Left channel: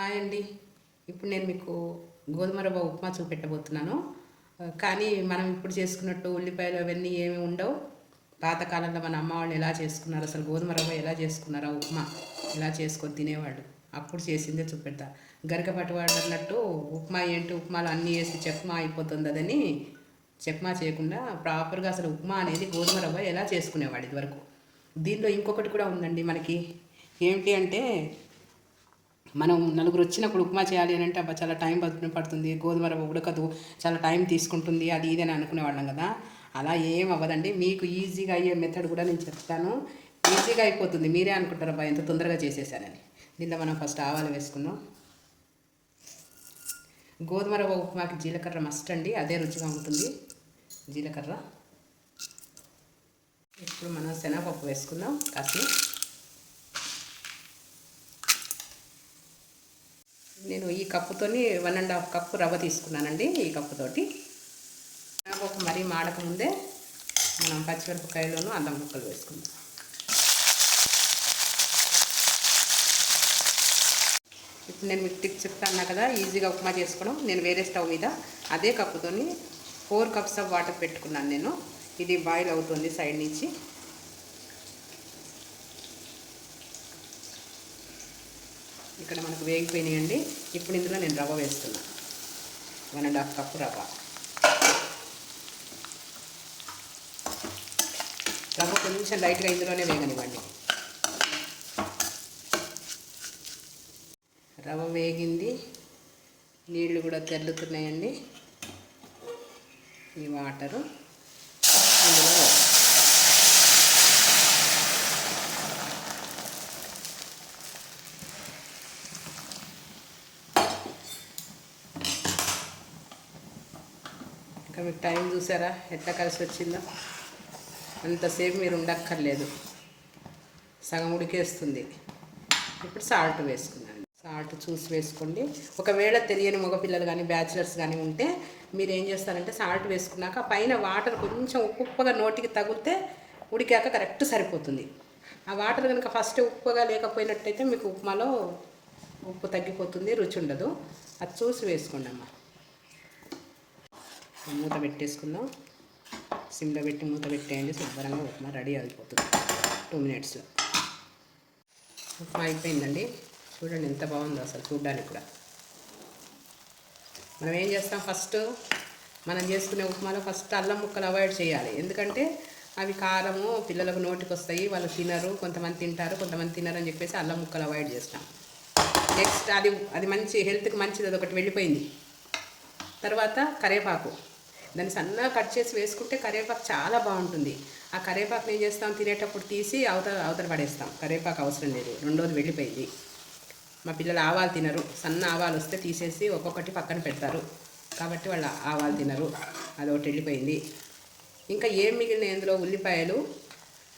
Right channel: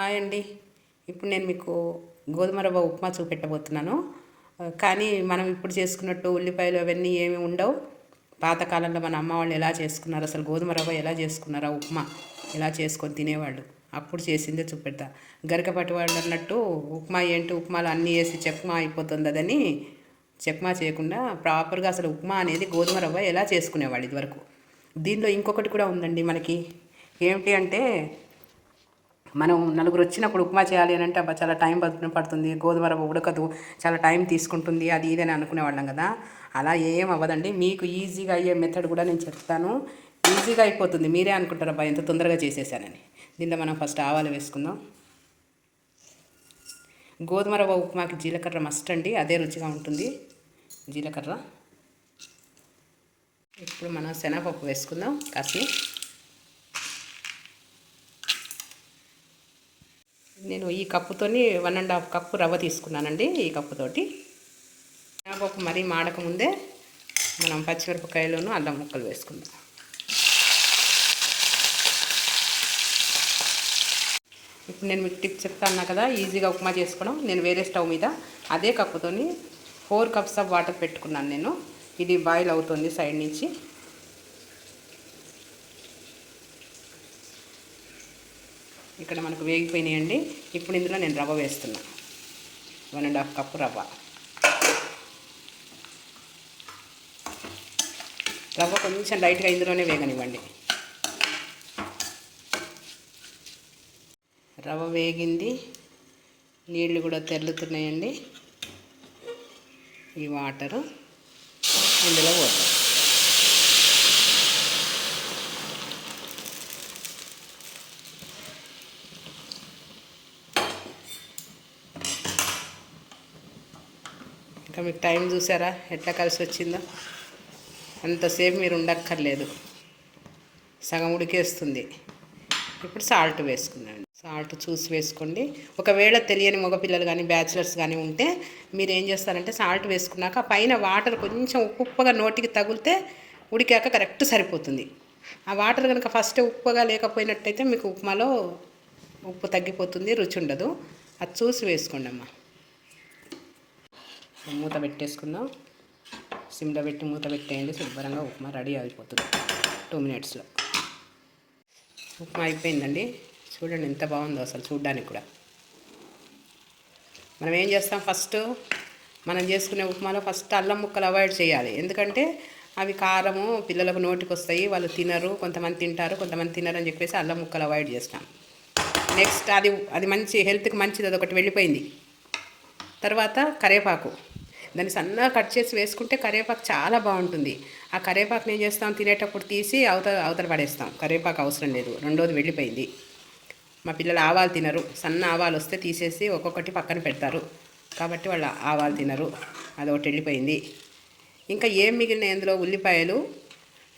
Hi అండి. ఇప్పుడు నేను మీకు గోధుమ రవ్వ ఉప్మా చూపెట్టబోతున్నాను. కానీ మనం ఇప్పుడు చేసుకున్నట్టు ఉల్లిపాయలు అవన్నీ ఏమి ఉండవు. పాతకాలంలో మన అమ్మ వాళ్ళు ఎలా చేసుకున్నారు, అసలు గోధుమ రవ్వ ఎలా చేసుకున్నారో ఉప్మా ఎలా చేసుకొని తినేవాళ్ళు, అప్పుడు చేసిందే చూపెడతా. గరికపట్టి వాళ్ళు అన్నట్టు ఉప్మా ఏంటి, ఉప్మాలో అన్నీ వేసి చెప్మా అయిపోతుంది అదని చెప్మా చేయకుండా ప్రాపర్గా అసలు ఉప్మా అనేది గోధుమ రవ్వ ఎలా చేసుకునేవాళ్ళు ఇదివరకు. దీనిలో ఇంకొకటి కూడా ఉందండి మనకి. ఏమిటి అంటే, మనం నలుగురు వచ్చినప్పుడు ఉప్మా చేయాలి అని అంటే అబ్బా చాలా టైం పడుతుంది, గోధుమ రవ్వ ఉడకదు, చాలా టైం తీసుకుంటుంది, అది ఇది అని అనుకునేవాళ్ళం కదా. అలా ఏం అవ్వదండి. మీకు ఈజీగా అయ్యే మెథడ్ కూడా నేను చెప్తాను. ఈజీగా అయిపోతుంది. మీరే అనుకుంటారు అబ్బా ఎంత తొందరగా చేసేసానని. దీంట్లో మనం ఫస్ట్ ఆవాలు వేసుకుందాం. గోధుమ రవ్వ ఉప్మాకి జీలకర్ర మస్ట్ అండి, అదే రుచిగా ఉంటుంది జీలకర్ర. ఇప్పుడు మనం శనగపప్పు వేసుకుందాం కాస్త. నేను ఈ కప్పుతోని 1.5 కప్పు రవ్వ తీసుకున్నానండి. ఈ కప్పుతోటి శనగపప్పు మరీ మాడకముందే మనం పచ్చిమిరపకాయలను అల్లం ముక్కలు వేసుకుందాం. ఇప్పుడు నేను మీకు టిప్స్ చెప్తాను కదా, ఈజీగా ఉప్మా చేసుకోవడం. నేను వేరే స్టవ్ మీద అదే కప్పుతోని 4 కప్స్ ఆఫ్ వాటర్ పెట్టుకున్నాను నేను. ఇది బాయిల్ అవుతుంది సైడ్ నుంచి. ఇక్కడ మనకు వేగిపోయినాయండి. ఇప్పుడు ఇందులో నేను రవ్వ వేస్తున్నాను. 1.5 కప్పు రవ్వ. రవ్వ కొంచెం లైట్గా ఇందులోనే వేగనివ్వండి. రవ్వ వేగింది, నీళ్ళు కూడా తెల్లుతున్నాయండి. ఈ వాటరు ఇందులో వేస్తాం. ఇంకా మీకు టైం చూసారా ఎట్లా కలిసి వచ్చిందో. అంతసేపు మీరు ఉండక్కర్లేదు, సగం ఉడికేస్తుంది. ఇప్పుడు సాల్ట్ వేసుకున్నాను. సాల్ట్ చూసి వేసుకోండి. ఒకవేళ తెలియని మగపిల్లలు కానీ బ్యాచిలర్స్ కానీ ఉంటే మీరు ఏం చేస్తారంటే, సాల్ట్ వేసుకున్నాక పైన వాటర్ కొంచెం ఉప్పుగా నోటికి తగిలితే ఉడికాక కరెక్ట్ సరిపోతుంది. ఆ వాటర్ కనుక ఫస్ట్ ఉప్పుగా లేకపోయినట్టయితే మీకు ఉప్మాలో ఉప్పు తగ్గిపోతుంది, రుచి ఉండదు. అది చూసి వేసుకోండి అమ్మ. మూత పెట్టేసుకుందాం. సిమ్లో పెట్టి మూత పెట్టేయండి. శుభ్రంగా ఉప్మా రెడీ అయిపోతుంది 2 మినిట్స్లో. ఉప్మా అయిపోయిందండి. చూడండి ఎంత బాగుందో అసలు చూడ్డానికి కూడా. మనం ఏం చేస్తాం, ఫస్ట్ మనం చేసుకునే ఉప్మాలో ఫస్ట్ అల్లం ముక్కలు అవాయిడ్ చేయాలి. ఎందుకంటే అవి కారము పిల్లలకు నోటికి వస్తాయి, వాళ్ళు తినరు. కొంతమంది తింటారు, కొంతమంది తినరు అని చెప్పేసి అల్లం ముక్కలు అవాయిడ్ చేస్తాం. నెక్స్ట్ అది మంచి హెల్త్కి మంచిది, అది ఒకటి వెళ్ళిపోయింది. తర్వాత కరివేపాకు, దాన్ని సన్నగా కట్ చేసి వేసుకుంటే కరివేపాకు చాలా బాగుంటుంది. ఆ కరివేపాకుని ఏం చేస్తాం, తినేటప్పుడు తీసి అవతల పడేస్తాం. కరివేపాకు అవసరం లేదు, రెండోది వెళ్ళిపోయింది. మా పిల్లలు ఆవాలు తినరు, సన్న ఆవాలు వస్తే తీసేసి ఒక్కొక్కటి పక్కన పెడతారు, కాబట్టి వాళ్ళు ఆవాలు తినరు, అదొకటి వెళ్ళిపోయింది. ఇంకా ఏం మిగిలినాయి అందులో, ఉల్లిపాయలు,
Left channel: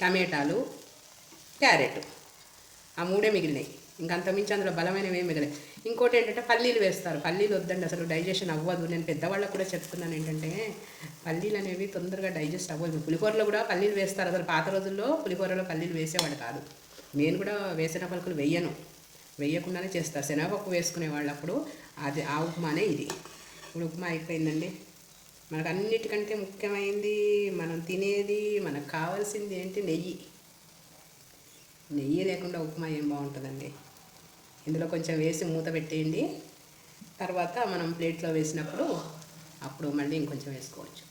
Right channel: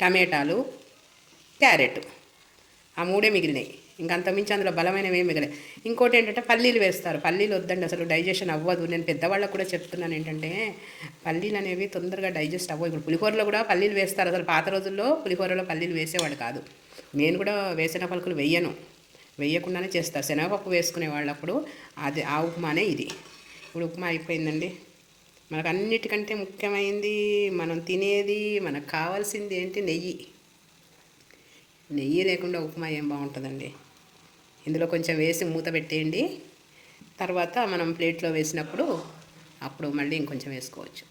టమాటాలు, క్యారెట్, ఆ 3 మిగిలినాయి. ఇంకా అంతమించి అందులో బలమైనవి ఏమి మిగిలినాయి. ఇంకోటి ఏంటంటే పల్లీలు వేస్తారు. పల్లీలు వద్దండి, అసలు డైజెషన్ అవ్వదు. నేను పెద్దవాళ్ళకు కూడా చెప్తున్నాను ఏంటంటే, పల్లీలు అనేవి తొందరగా డైజెస్ట్ అవ్వదు. ఇప్పుడు పులిహోరలో కూడా పల్లీలు వేస్తారు. అసలు పాత రోజుల్లో పులిహోరలో పల్లీలు వేసేవాడు కాదు. నేను కూడా వేసిన పలుకులు వేయకుండానే చేస్తారు. శనగపప్పు వేసుకునేవాళ్ళు అప్పుడు. అది ఆ ఉప్మానే ఇది. ఇప్పుడు ఉప్మా అయిపోయిందండి. మనకు అన్నిటికంటే ముఖ్యమైనది, మనం తినేది, మనకు కావాల్సింది ఏంటి, నెయ్యి. నెయ్యి లేకుండా ఉప్మా ఏం బాగుంటుందండి. ఇందులో కొంచెం వేసి మూత పెట్టేయండి. తర్వాత మనం ప్లేట్లో వేసినప్పుడు అప్పుడు మళ్ళీ ఇంకొంచెం వేసుకోవచ్చు.